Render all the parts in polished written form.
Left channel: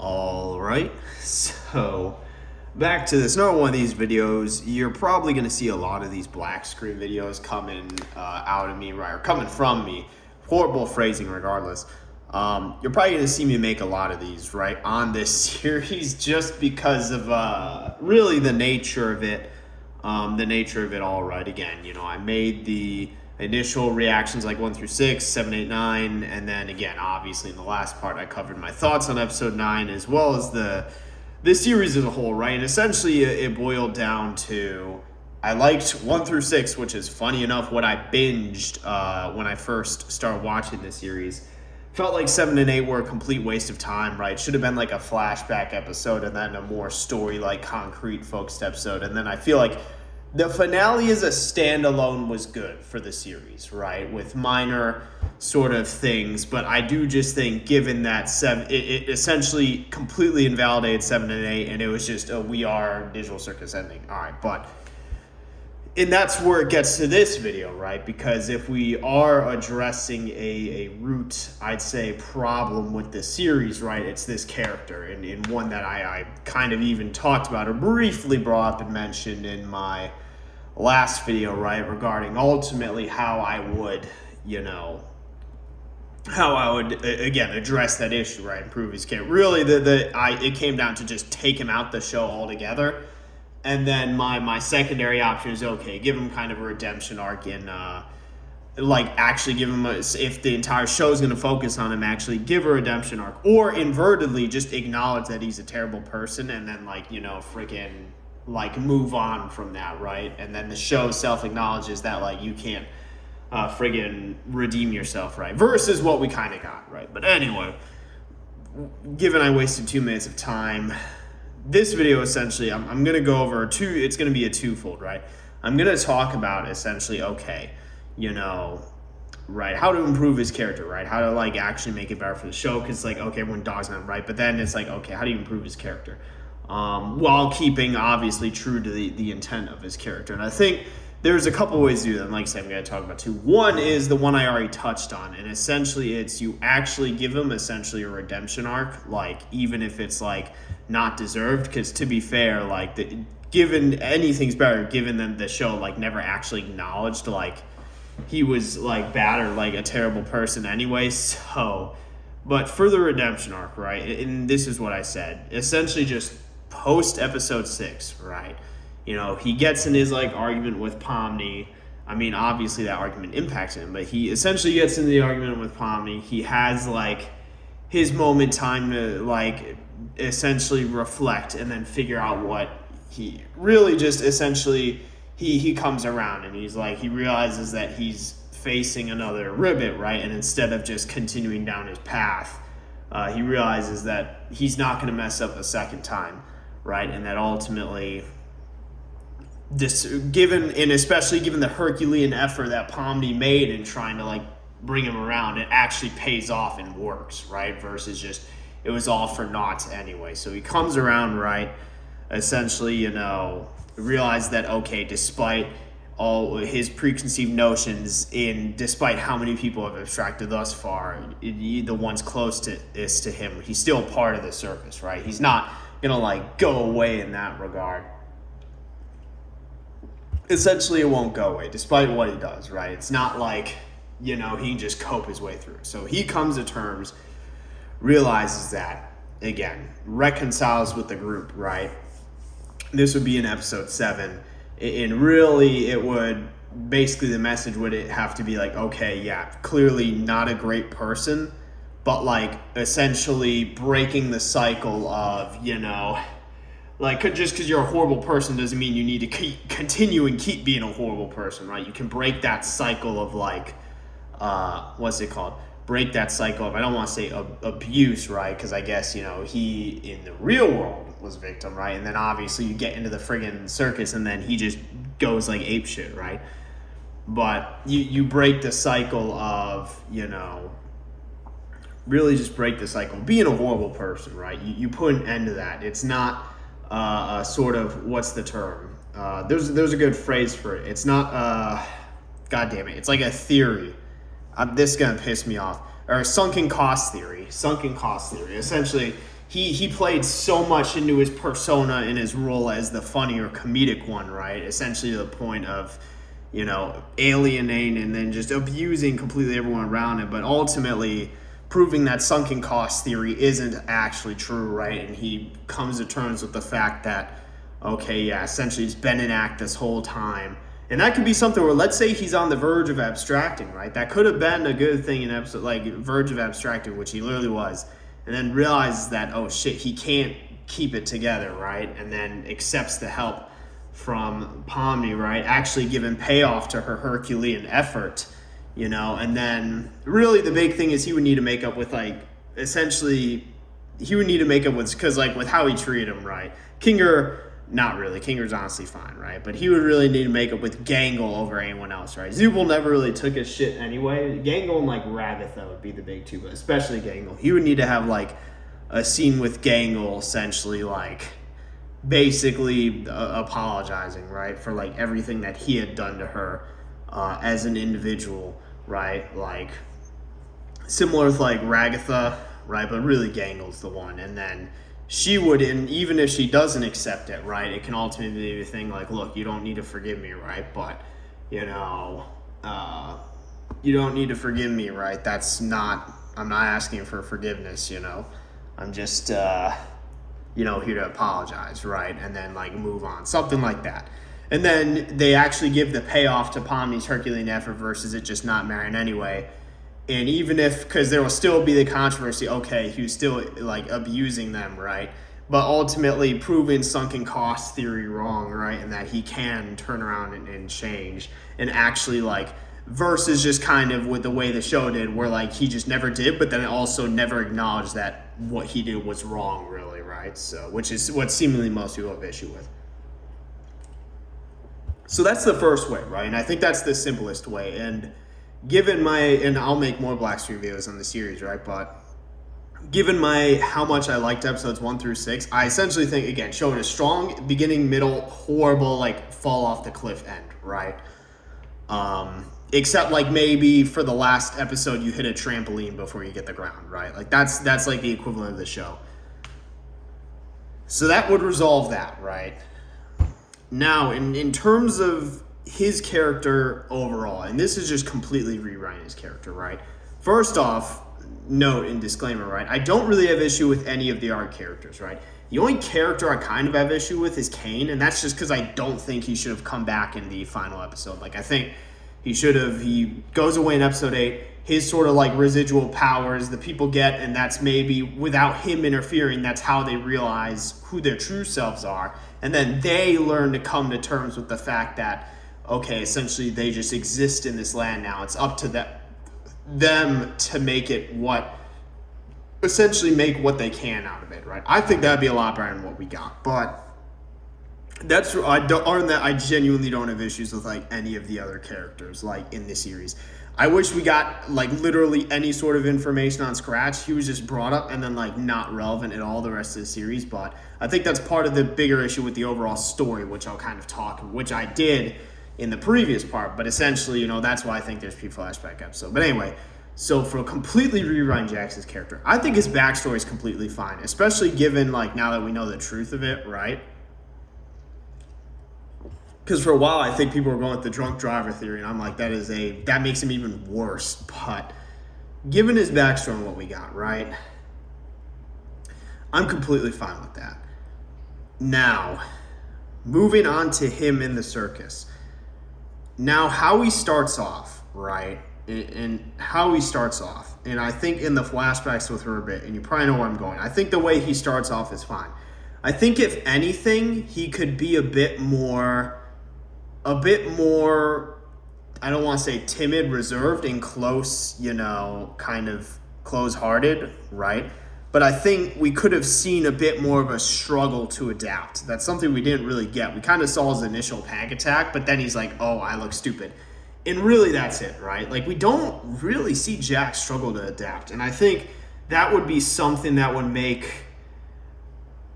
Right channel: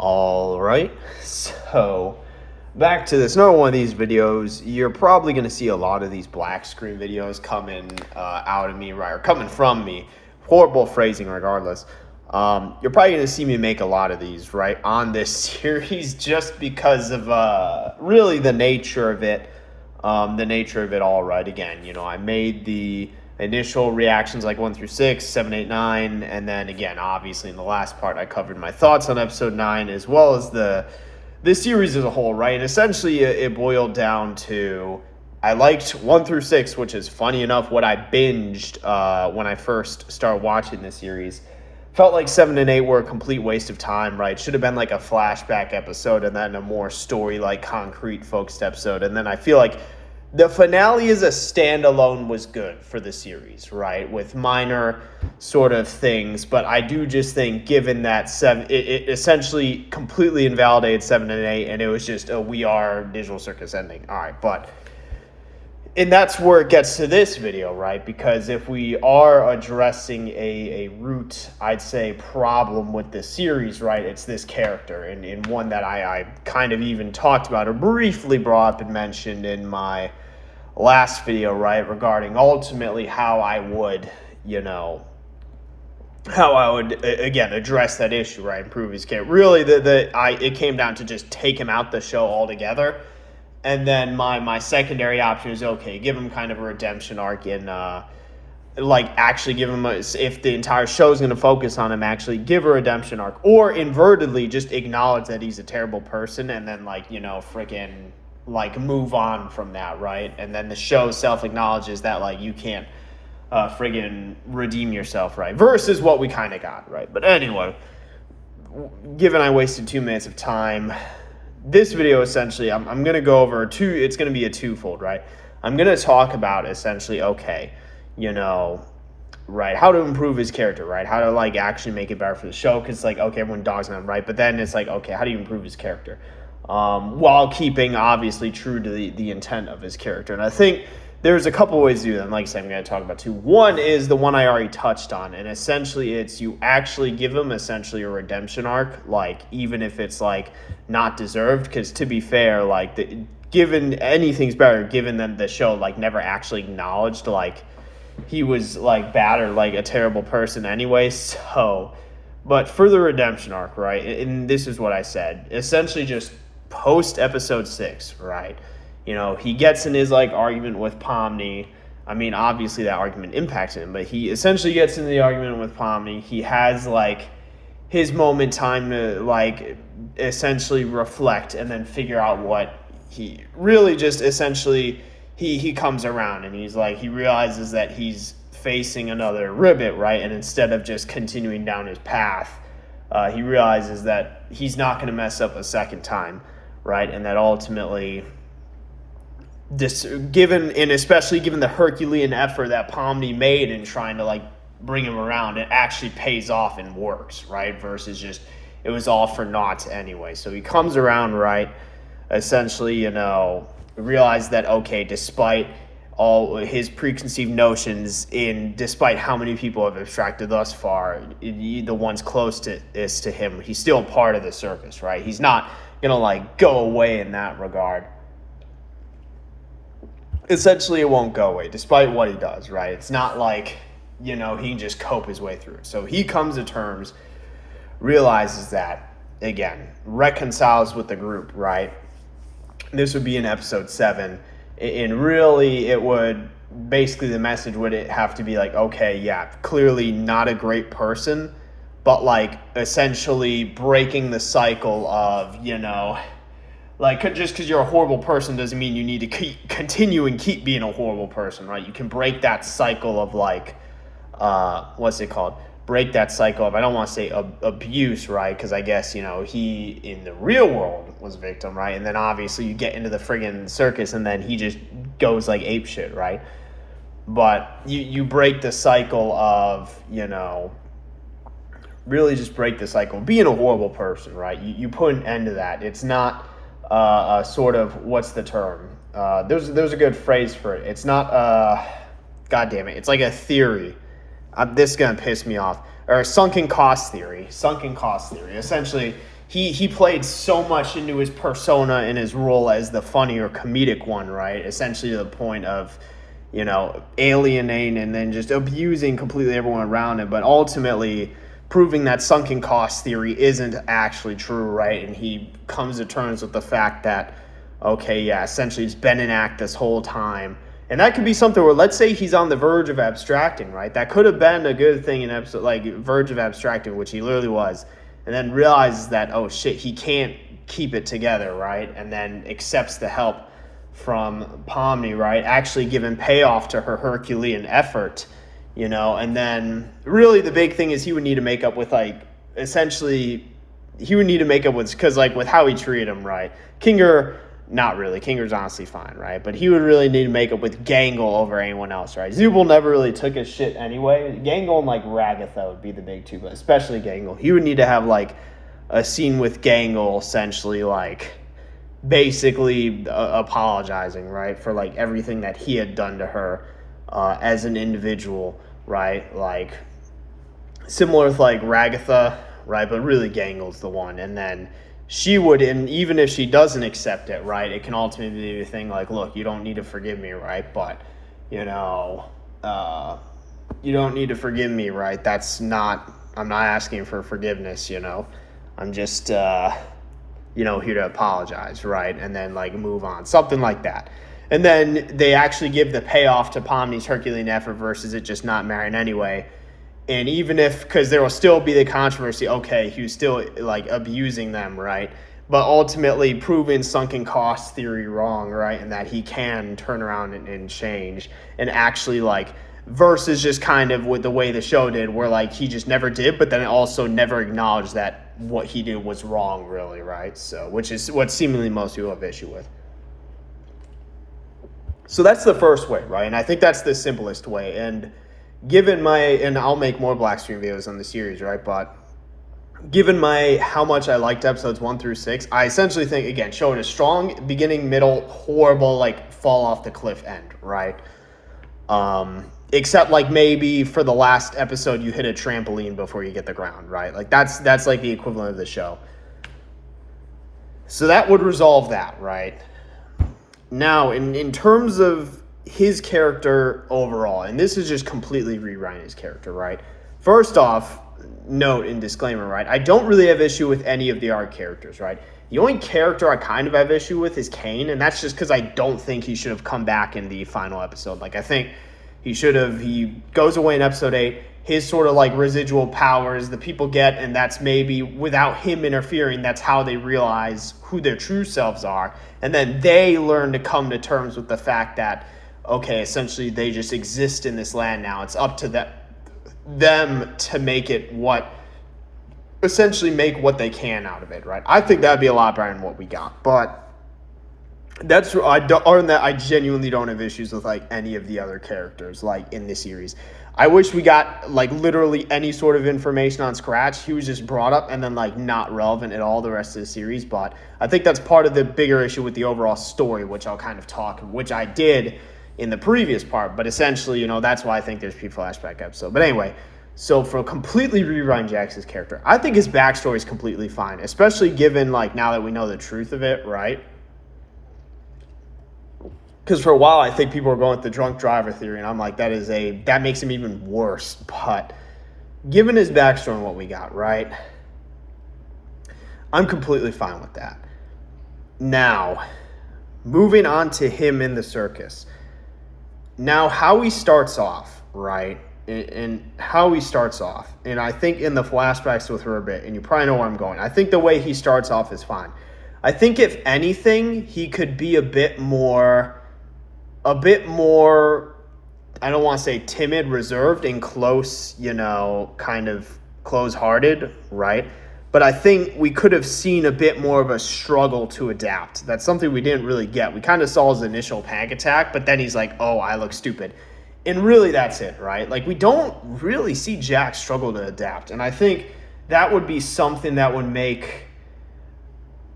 All right, so back to this. Another one of these videos. You're probably going to see a lot of these black screen videos coming out of me, right, or coming from me. Horrible phrasing, regardless. You're probably going to see me make a lot of these, right, on this series, just because of really the nature of it. The nature of it all, right. Again, I made the initial reactions like 1 through 6, 7, 8, 9, and then again, obviously in the last part, I covered my thoughts on episode 9 as well as this series as a whole, right? And essentially, it boiled down to I liked 1 through 6, which is funny enough what I binged when I first started watching the series. Felt like 7 and 8 were a complete waste of time, right? Should have been like a flashback episode and then a more story, like concrete focused episode. And then I feel like the finale as a standalone was good for the series, right? With minor sort of things. But I do just think, given that it essentially completely invalidated 7 and 8, and it was just a We Are Digital Circus ending. All right, and that's where it gets to this video, right? Because if we are addressing a root, I'd say, problem with the series, right, it's this character, and one that I kind of even talked about or briefly brought up and mentioned in my last video, right, regarding ultimately how I would, again, address that issue, right, improve his character. Really, it came down to just take him out the show altogether. And then my secondary option is, okay, give him kind of a redemption arc in, actually give him, if the entire show is going to focus on him, actually give a redemption arc. Or invertedly, just acknowledge that he's a terrible person and then, freaking, move on from that, right? And then the show self-acknowledges that, you can't friggin' redeem yourself, right? Versus what we kind of got, right? But anyway, given I wasted 2 minutes of time, this video essentially, I'm going to go over it's going to be a twofold, right? I'm going to talk about essentially, okay, right, how to improve his character, right? How to actually make it better for the show, because okay, everyone dogs on him, right? But then it's okay, how do you improve his character? While keeping obviously true to the intent of his character. And I think there's a couple ways to do that. And like I said, I'm going to talk about two. One is the one I already touched on, and essentially it's you actually give him essentially a redemption arc, even if it's not deserved, because to be fair, given anything's better, given that the show never actually acknowledged he was bad or a terrible person anyway. So, but for the redemption arc, right, and this is what I said, essentially just post episode 6, right? He gets in his argument with Pomni. I mean, obviously that argument impacts him, but he essentially gets in the argument with Pomni. He has his moment time to essentially reflect and then figure out what he really just essentially he comes around, and he's he realizes that he's facing another ribbit, right? And instead of just continuing down his path, he realizes that he's not going to mess up a second time, right? And that ultimately, especially given the Herculean effort that Pomni made in trying to bring him around, it actually pays off and works, right? Versus just it was all for naught anyway. So he comes around, right? Essentially, realize that, okay, despite all his preconceived notions, despite how many people have abstracted thus far, the ones closest to him, he's still part of the circus, right? He's not gonna go away in that regard. Essentially, it won't go away, despite what he does, right? It's not he can just cope his way through. So he comes to terms, realizes that, again, reconciles with the group, right? This would be in episode 7. And really, it would, basically the message would have to be okay, yeah, clearly not a great person, but essentially breaking the cycle of, just because you're a horrible person doesn't mean you need to continue and keep being a horrible person, right? You can break that cycle of what's it called? Break that cycle of, I don't want to say abuse, right? Because I guess, he in the real world was a victim, right? And then obviously you get into the friggin' circus and then he just goes ape shit, right? But you break the cycle of, really just break the cycle of being a horrible person, right? You put an end to that. It's not a sort of, what's the term? There's a good phrase for it. It's not, God damn it, it's a theory. This is going to piss me off. Or sunken cost theory. Essentially, he played so much into his persona and his role as the funny or comedic one, right? Essentially to the point of, you know, alienating and then just abusing completely everyone around him, but ultimately proving that sunken cost theory isn't actually true, right? And he comes to terms with the fact that, okay, yeah, essentially he's been in act this whole time. And that could be something where, let's say he's on the verge of abstracting, right? That could have been a good thing in episode, like verge of abstracting, which he literally was, and then realizes that, oh shit, he can't keep it together, right? And then accepts the help from Pomni, right? Actually giving payoff to her Herculean effort, you know. And then really the big thing is he would need to make up with, like, essentially he would need to make up with, because like with how he treated him, right? Kinger, not really. Kinger's honestly fine, right? But he would really need to make up with Gangle over anyone else, right? Zubul never really took his shit anyway. Gangle and like Ragatha would be the big two, but especially Gangle. He would need to have like a scene with Gangle, essentially like basically apologizing, right, for like everything that he had done to her as an individual, right? Like similar with like Ragatha, right? But really Gangle's the one. And then she would, and even if she doesn't accept it, right, it can ultimately be a thing like, look, you don't need to forgive me, right? But, you know, you don't need to forgive me, right? That's not, I'm not asking for forgiveness, you know? I'm just, you know, here to apologize, right? And then, like, move on. Something like that. And then they actually give the payoff to Pomni's Herculean effort versus it just not marrying anyway. And even if, because there will still be the controversy, okay, he was still like abusing them, right? But ultimately proving sunken cost theory wrong, right? And that he can turn around and change and actually like, versus just kind of with the way the show did, where like he just never did, but then also never acknowledged that what he did was wrong, really, right? So, which is what seemingly most people have issue with. So that's the first way, right? And I think that's the simplest way. And given my, and I'll make more black screen videos on the series, right? But given my, how much I liked episodes 1 through 6, I essentially think, again, showed a strong beginning, middle, horrible, like fall off the cliff end, right? Except like maybe for the last episode, you hit a trampoline before you get the ground, right? Like that's like the equivalent of the show. So that would resolve that, right? Now, in terms of his character overall, and this is just completely rewriting his character, right? First off, note and disclaimer, right? I don't really have issue with any of the arc characters, right? The only character I kind of have issue with is Kane, and that's just because I don't think he should have come back in the final episode. Like, I think he should have, he goes away in episode 8, his sort of like residual powers the people get, and that's maybe without him interfering, that's how they realize who their true selves are. And then they learn to come to terms with the fact that, okay, essentially they just exist in this land now. It's up to them to make it essentially make what they can out of it, right? I think that'd be a lot better than what we got. But I genuinely don't have issues with like any of the other characters like in this series. I wish we got like literally any sort of information on Scratch. He was just brought up and then like not relevant at all the rest of the series. But I think that's part of the bigger issue with the overall story, which I'll kind of talk, which I did in the previous part. But essentially, you know, that's why I think there's P-flashback episode. But anyway, so for completely rewriting Jax's character, I think his backstory is completely fine, especially given like now that we know the truth of it, right? Because for a while, I think people were going with the drunk driver theory, and I'm like, that makes him even worse. But given his backstory and what we got, right, I'm completely fine with that. Now, moving on to him in the circus. Now, how he starts off, right, and how he starts off, and I think in the flashbacks with her a bit, and you probably know where I'm going. I think the way he starts off is fine. I think if anything, he could be a bit more, I don't want to say timid, reserved, and close, you know, kind of close-hearted, right? But I think we could have seen a bit more of a struggle to adapt. That's something we didn't really get. We kind of saw his initial panic attack, but then he's like, oh, I look stupid. And really that's it, right? Like, we don't really see Jax struggle to adapt. And I think that would be something that would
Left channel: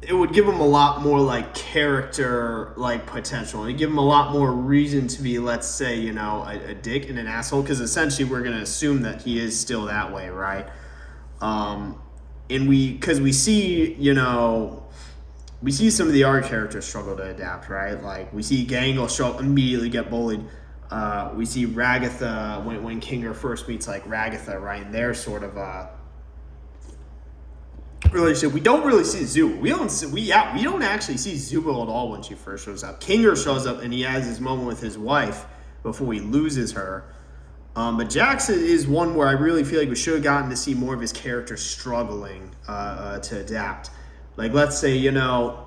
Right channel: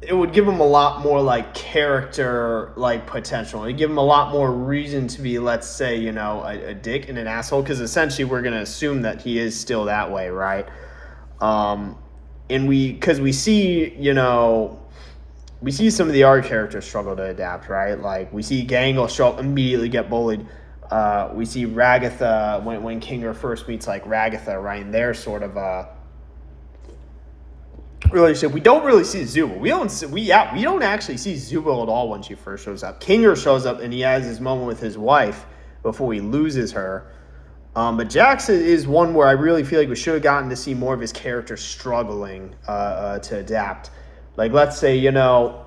it would give him a lot more like character like potential. It'd give him a lot more reason to be, let's say, you know, a dick and an asshole, because essentially we're going to assume that he is still that way, right? and because we see, you know, we see some of the other characters struggle to adapt, right? Like we see Gangle immediately get bullied. We see Ragatha when Kinger first meets like Ragatha, right? And they're sort of relationship. We don't really see Zubo. We don't actually see Zubo at all when she first shows up. Kinger shows up and he has his moment with his wife before he loses her. But Jax is one where I really feel like we should have gotten to see more of his character struggling to adapt. Like, let's say, you know,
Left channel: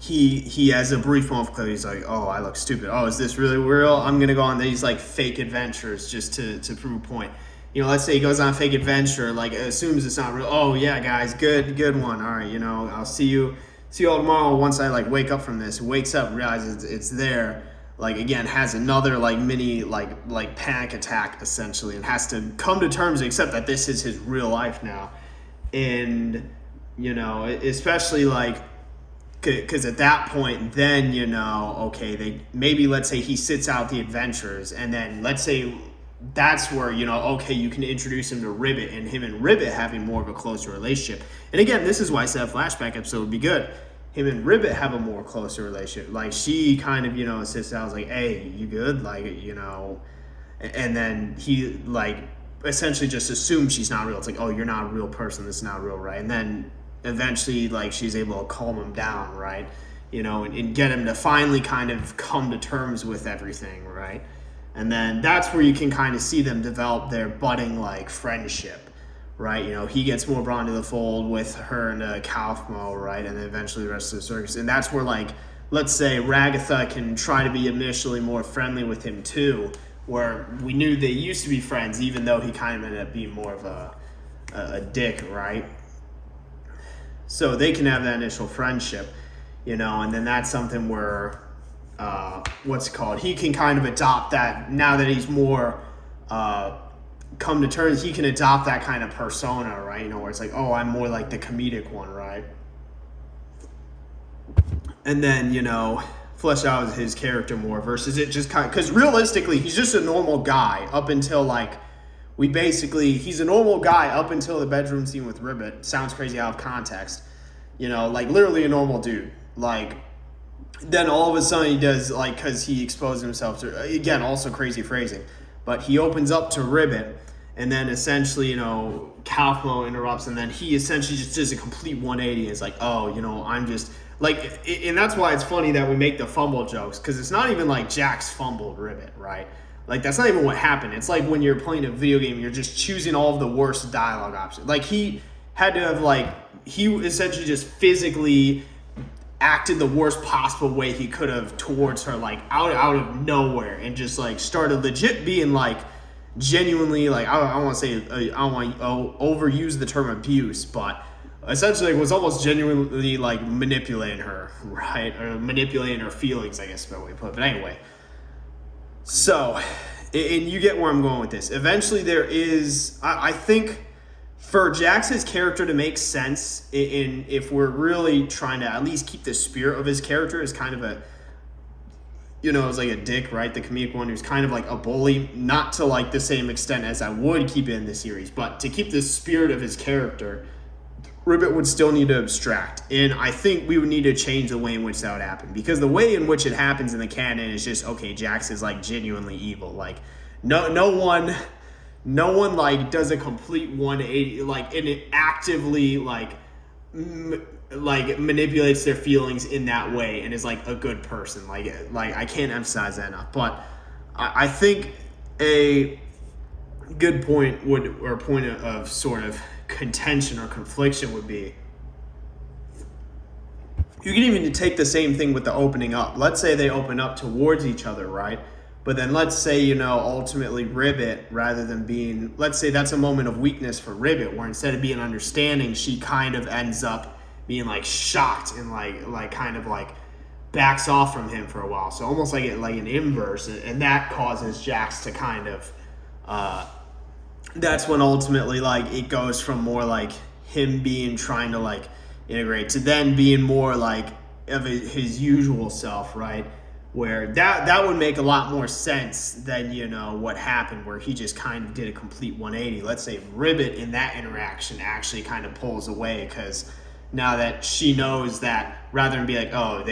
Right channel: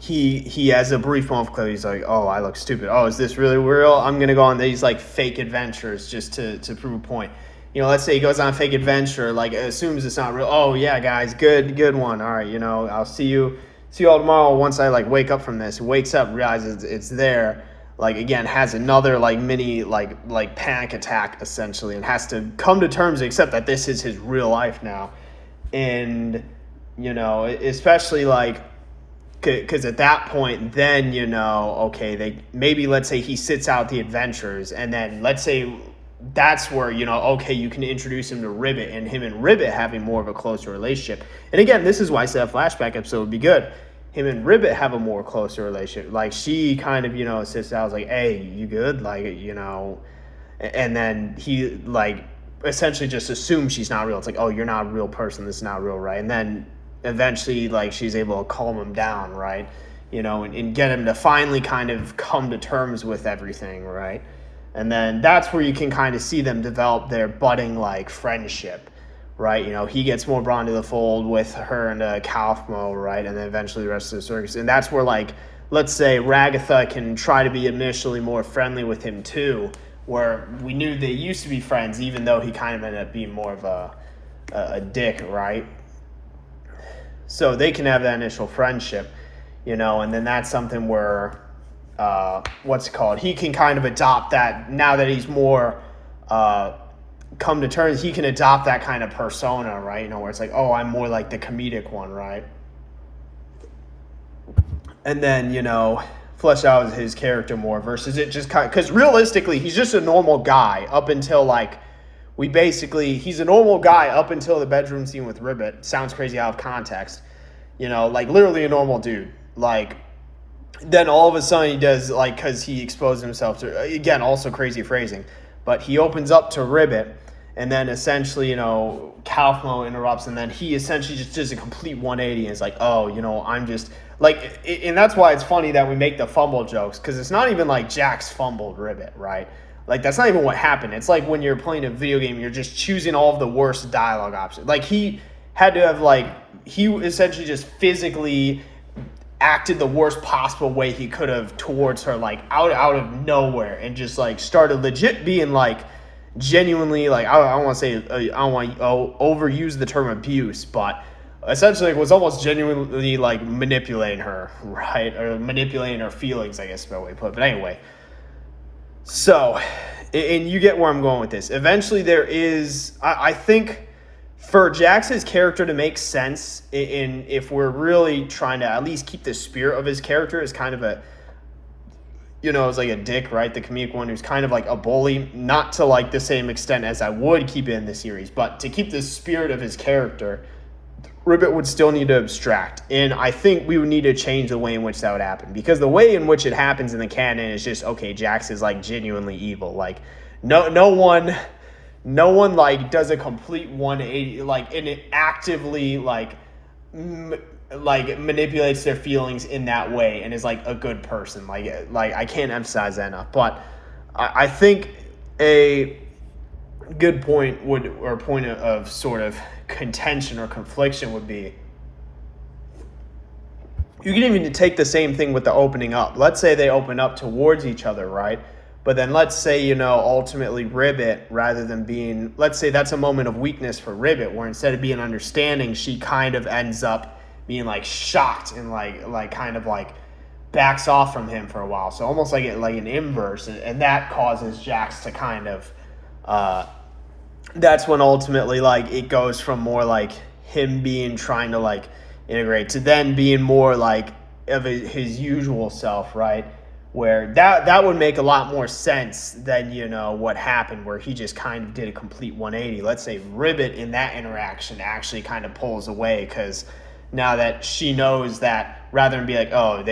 he has a brief moment of clarity. He's like, oh, I look stupid. Oh, is this really real? I'm going to go on these, like, fake adventures just to prove a point. You know, let's say he goes on a fake adventure, like, assumes it's not real. Oh, yeah, guys, good one. All right, you know, I'll see you all tomorrow once I, like, wake up from this. Wakes up, realizes it's there. Like, again, has another, like, mini, like panic attack, essentially, and has to come to terms, accept that this is his real life now. And, you know, especially, like, because at that point, then, you know, okay, maybe, let's say he sits out the adventures, and then, let's say that's where, you know, okay, you can introduce him to Ribbit, and him and Ribbit having more of a closer relationship. And again, this is why I said a flashback episode would be good. Him and Ribbit have a more closer relationship. Like, she kind of, you know, sits out, like, hey, you good? Like, you know, and then he, like, essentially just assumes she's not real. It's like, oh, you're not a real person. This is not real, right? And then eventually, like, she's able to calm him down, right? You know, and get him to finally kind of come to terms with everything, right? And then that's where you can kind of see them develop their budding, like, friendship, right? You know, he gets more brought into the fold with her and Kaufmo, right? And then eventually the rest of the circus. And that's where, like, let's say Ragatha can try to be initially more friendly with him too, where we knew they used to be friends, even though he kind of ended up being more of a dick, right? So they can have that initial friendship, you know, and then that's something where, he can kind of adopt that now that he's more come to terms. He can adopt that kind of persona, right? You know, where it's like, oh, I'm more like the comedic one, right? And then, you know, flesh out his character more versus it just kind of, because realistically, he's just a normal guy up until, like, he's a normal guy up until the bedroom scene with Ribbit. Sounds crazy out of context. You know, like, literally a normal dude. Like, then all of a sudden he does, like, because he exposed himself to, again, also crazy phrasing, but he opens up to Ribbit, and then essentially, you know, Kaufmo interrupts, and then he essentially just does a complete 180 and is like, oh, you know, I'm just, like, and that's why it's funny that we make the fumble jokes, because it's not even like Jax fumbled Ribbit, right? Like, that's not even what happened. It's like when you're playing a video game, you're just choosing all of the worst dialogue options. Like, he had to have, like, he essentially just physically acted the worst possible way he could have towards her, like, out of nowhere, and just, like, started legit being, like, genuinely, like, I don't want to say, I don't want to overuse the term abuse, but essentially it was almost genuinely, like, manipulating her, right? Or manipulating her feelings, I guess is the way to put it. But anyway, so, and you get where I'm going with this. Eventually there is, I think, for Jax's character to make sense, if we're really trying to at least keep the spirit of his character as kind of a, you know, it's like a dick, right? The comedic one who's kind of like a bully, not to, like, the same extent as I would keep it in the series, but to keep the spirit of his character, Ribbit would still need to abstract. And I think we would need to change the way in which that would happen, because the way in which it happens in the canon is just, okay, Jax is, like, genuinely evil. Like, no one like does a complete 180, like, and it actively like manipulates their feelings in that way and is like a good person. Like I can't emphasize that enough. But I think a good point of sort of contention or confliction would be, you can even take the same thing with the opening up. Let's say they open up towards each other, right? But then let's say, you know, ultimately Ribbit, rather than being, let's say that's a moment of weakness for Ribbit, where instead of being understanding, she kind of ends up being, like, shocked and like kind of like backs off from him for a while. So almost like an inverse, and that causes Jax to kind of, that's when ultimately, like, it goes from more like him trying to, like, integrate to then being more like of his usual self, right? where that would make a lot more sense than, you know, what happened where he just kind of did a complete 180. Let's say Ribbit in that interaction actually kind of pulls away, because now that she knows that, rather than be like, oh,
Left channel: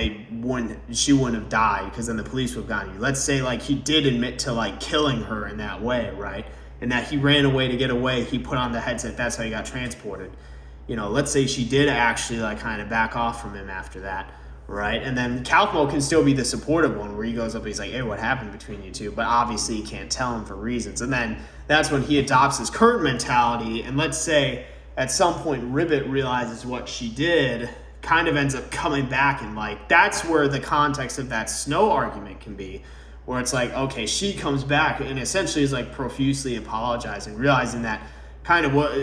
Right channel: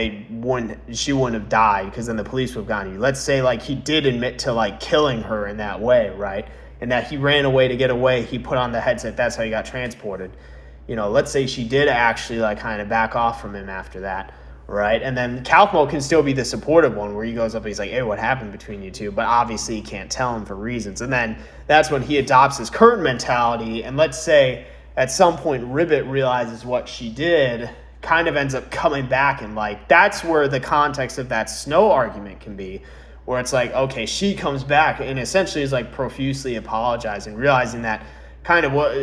she wouldn't have died because then the police would have gotten you. Let's say like he did admit to like killing her in that way, right? And that he ran away to get away. He put on the headset. That's how he got transported. You know, let's say she did actually like kind of back off from him after that. Right, and then Calpo can still be the supportive one where he goes up and he's like, hey, what happened between you two? But obviously he can't tell him for reasons. And then that's when he adopts his current mentality. And let's say at some point Ribbit realizes what she did, kind of ends up coming back, and like that's where the context of that Snow argument can be, where it's like, okay, she comes back and essentially is like profusely apologizing, realizing that kind of what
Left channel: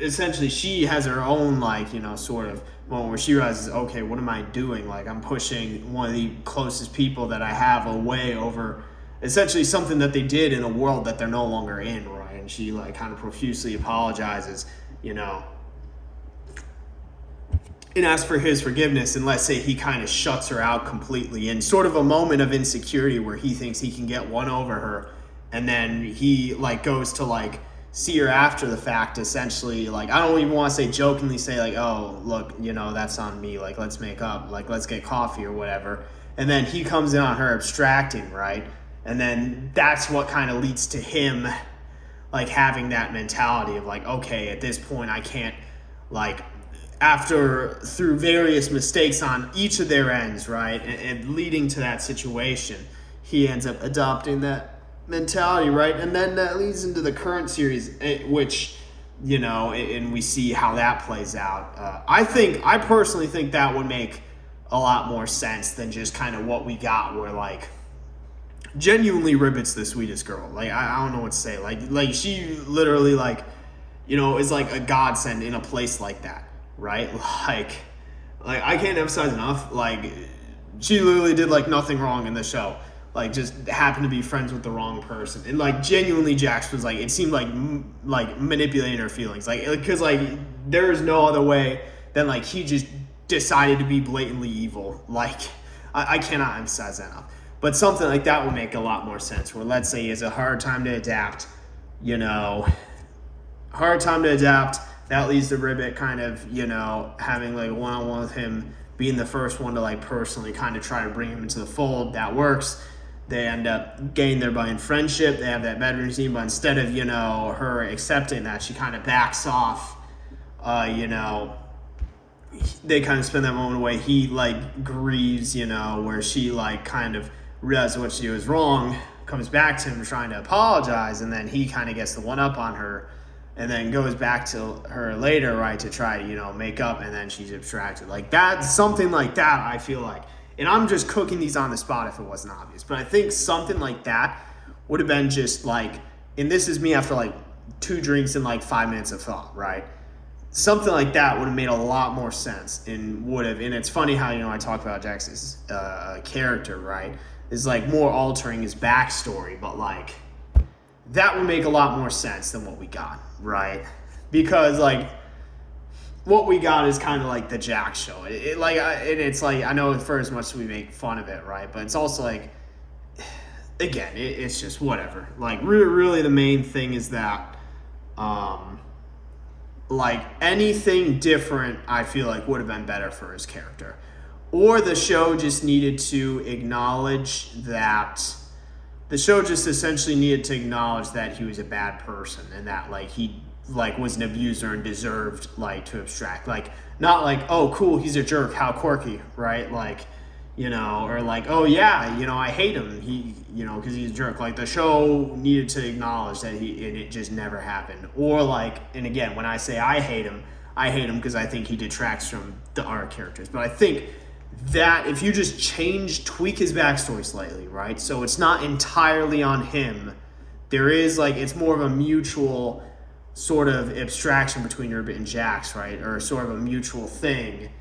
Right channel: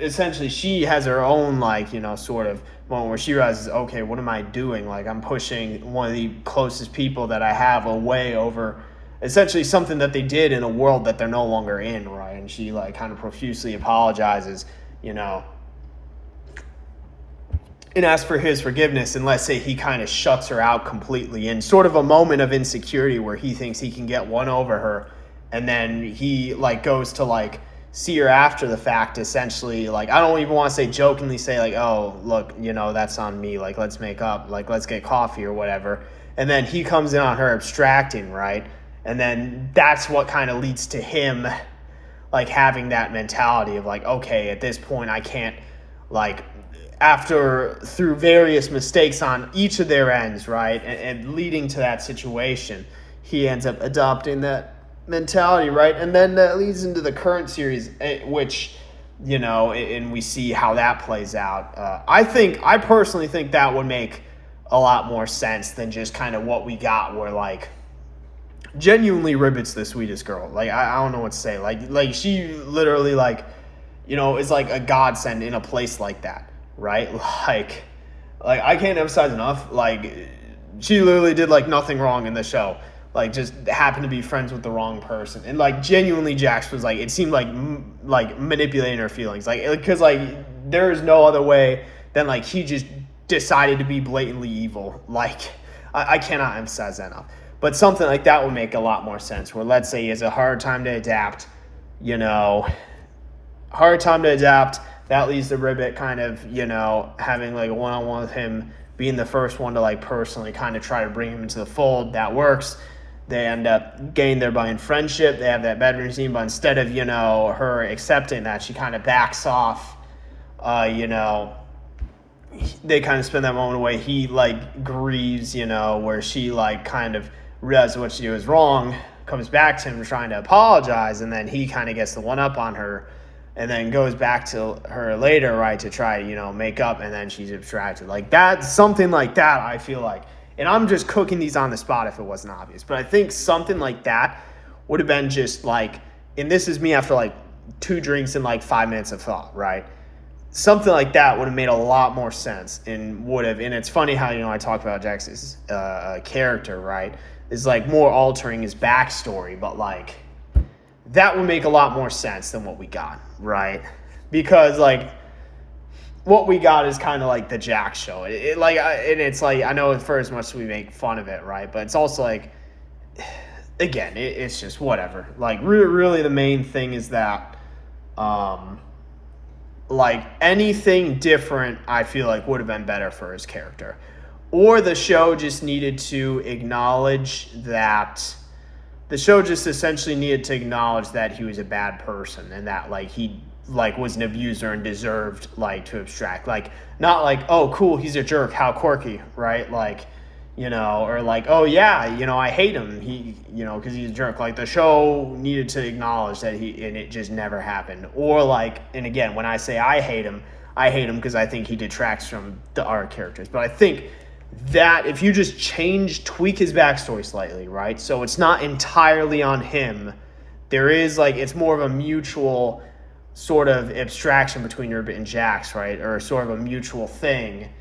essentially she has her own like, you know, sort of moment where she realizes, okay, what am I doing? Like, I'm pushing one of the closest people that I have away over essentially something that they did in a world that they're no longer in, right? And she like kind of profusely apologizes, you know, and asks for his forgiveness. And let's say he kind of shuts her out completely in sort of a moment of insecurity where he thinks he can get one over her, and then he like goes to like see her after the fact, essentially, like, I don't even want to say jokingly say like, oh, look, you know, that's on me, like, let's make up, like, let's get coffee or whatever. And then he comes in on her abstracting, right? And then that's what kind of leads to him like having that mentality of like, okay, at this point I can't, like, after through various mistakes on each of their ends, right, and leading to that situation, he ends up adopting that mentality, right? And then that leads into the current series, which, you know, and we see how that plays out. I personally think that would make a lot more sense than just kind of what we got, where like genuinely Ribbit's the sweetest girl. Like, I don't know what to say. Like she literally, like, you know, is like a godsend in a place like that, right? Like I can't emphasize enough, like, she literally did like nothing wrong in the show. Like, just happened to be friends with the wrong person. And like genuinely Jax was like, it seemed like manipulating her feelings, like, because like there's no other way than like he just decided to be blatantly evil. Like, I cannot emphasize that enough. But something like that would make a lot more sense, where let's say he has a hard time to adapt, you know, that leads to Ribbit kind of, you know, having like a one-on-one with him, being the first one to like personally kind of try to bring him into the fold. That works. They end up getting there by in friendship. They have that bedroom scene, but instead of, you know, her accepting that, she kind of backs off. You know, they kind of spend that moment away. He like grieves, you know, where she like kind of realizes what she did was wrong, comes back to him trying to apologize, and then he kind of gets the one up on her, and then goes back to her later, right, to try, you know, make up, and then she's abstracted. Like that, something like that, I feel like. And I'm just cooking these on the spot if it wasn't obvious, but I think something like that would have been just like, and this is me after like 2 drinks and like 5 minutes of thought, right? Something like that would have made a lot more sense, and would have, and it's funny how, you know, I talked about Jax's character, right? Is like more altering his backstory, but like that would make a lot more sense than what we got, right? Because like what we got is kind of like the Jax show. And it's like, I know for as much as we make fun of it, right? But it's also like, again, it's just whatever. Like really the main thing is that, like anything different, I feel like would have been better for his character. Or the show just needed to acknowledge that, the show just essentially needed to acknowledge that he was a bad person, and that like he like was an abuser and deserved like to abstract, like not like, oh cool, he's a jerk, how quirky, right? Like, you know, or like, oh yeah, you know, I hate him, he, you know, because he's a jerk. Like the show needed to acknowledge that he, and it just never happened. Or like, and again, when I say I hate him because I think he detracts from the other characters. But I think that if you just tweak his backstory slightly, right? So it's not entirely on him. There is like, it's more of a mutual sort of abstraction between Ribbit and Jax, right? Or sort of a mutual thing.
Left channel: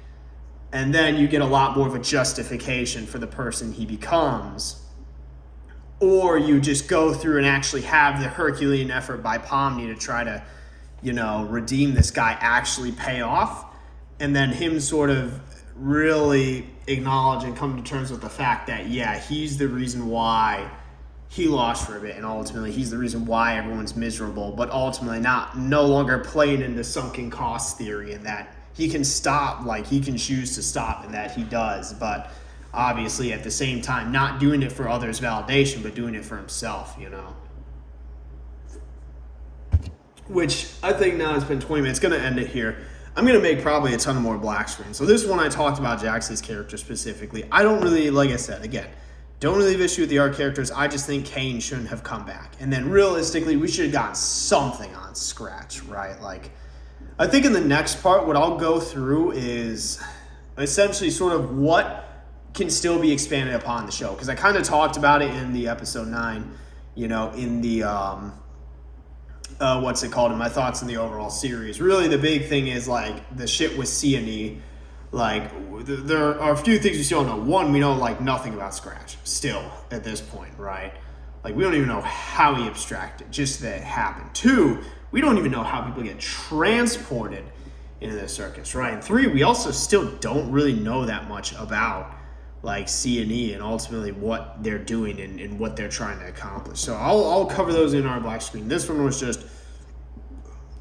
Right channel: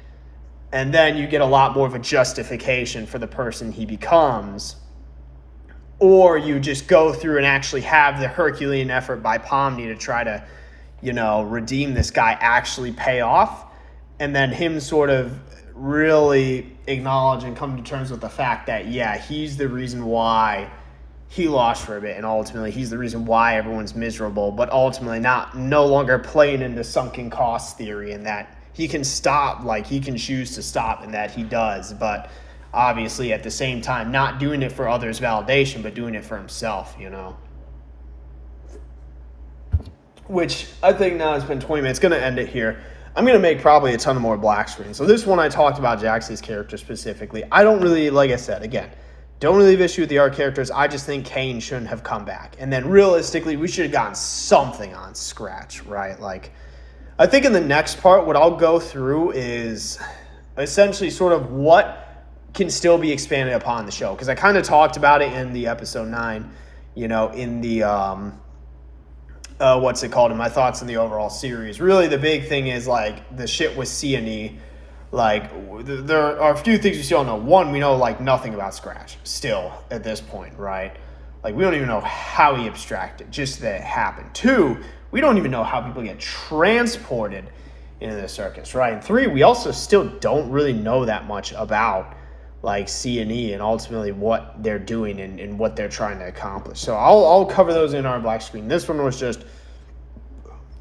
And then you get a lot more of a justification for the person he becomes. Or you just go through and actually have the Herculean effort by Pomni to try to, you know, redeem this guy actually pay off. And then him sort of really acknowledge and come to terms with the fact that, yeah, he's the reason why he lost for a bit, and ultimately he's the reason why everyone's miserable, but ultimately no longer playing into sunken cost theory, and that he can stop, like he can choose to stop, and that he does, but obviously at the same time not doing it for others' validation, but doing it for himself, you know. Which I think now it's been 20 minutes, gonna end it here. I'm going to make probably a ton of more black screens. So this one I talked about Jax's character specifically. I don't really, like I said, again, don't really have issue with the art characters. I just think Kane shouldn't have come back. And then realistically, we should have gotten something on Scratch, right? Like, I think in the next part, what I'll go through is essentially sort of what can still be expanded upon in the show. Because I kind of talked about it in the episode 9, you know, in the... what's it called, in my thoughts on the overall series. Really, the big thing is, like, the shit with C&E. Like, there are a few things we still don't know. One, we know, like, nothing about Scratch still at this point, right? Like, we don't even know how he abstracted, just that it happened. 2, we don't even know how people get transported into the circus, right? And 3, we also still don't really know that much about, like, C&E and ultimately what they're doing and what they're trying to accomplish. So I'll cover those in our black screen. This one was just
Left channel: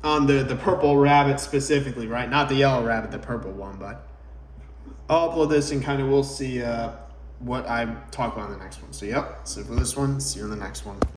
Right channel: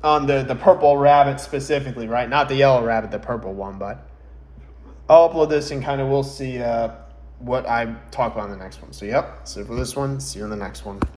on the purple rabbit specifically, right? Not the yellow rabbit, the purple one, but I'll upload this and kind of we'll see what I talk about in the next one. So yep, so for this one, see you in the next one.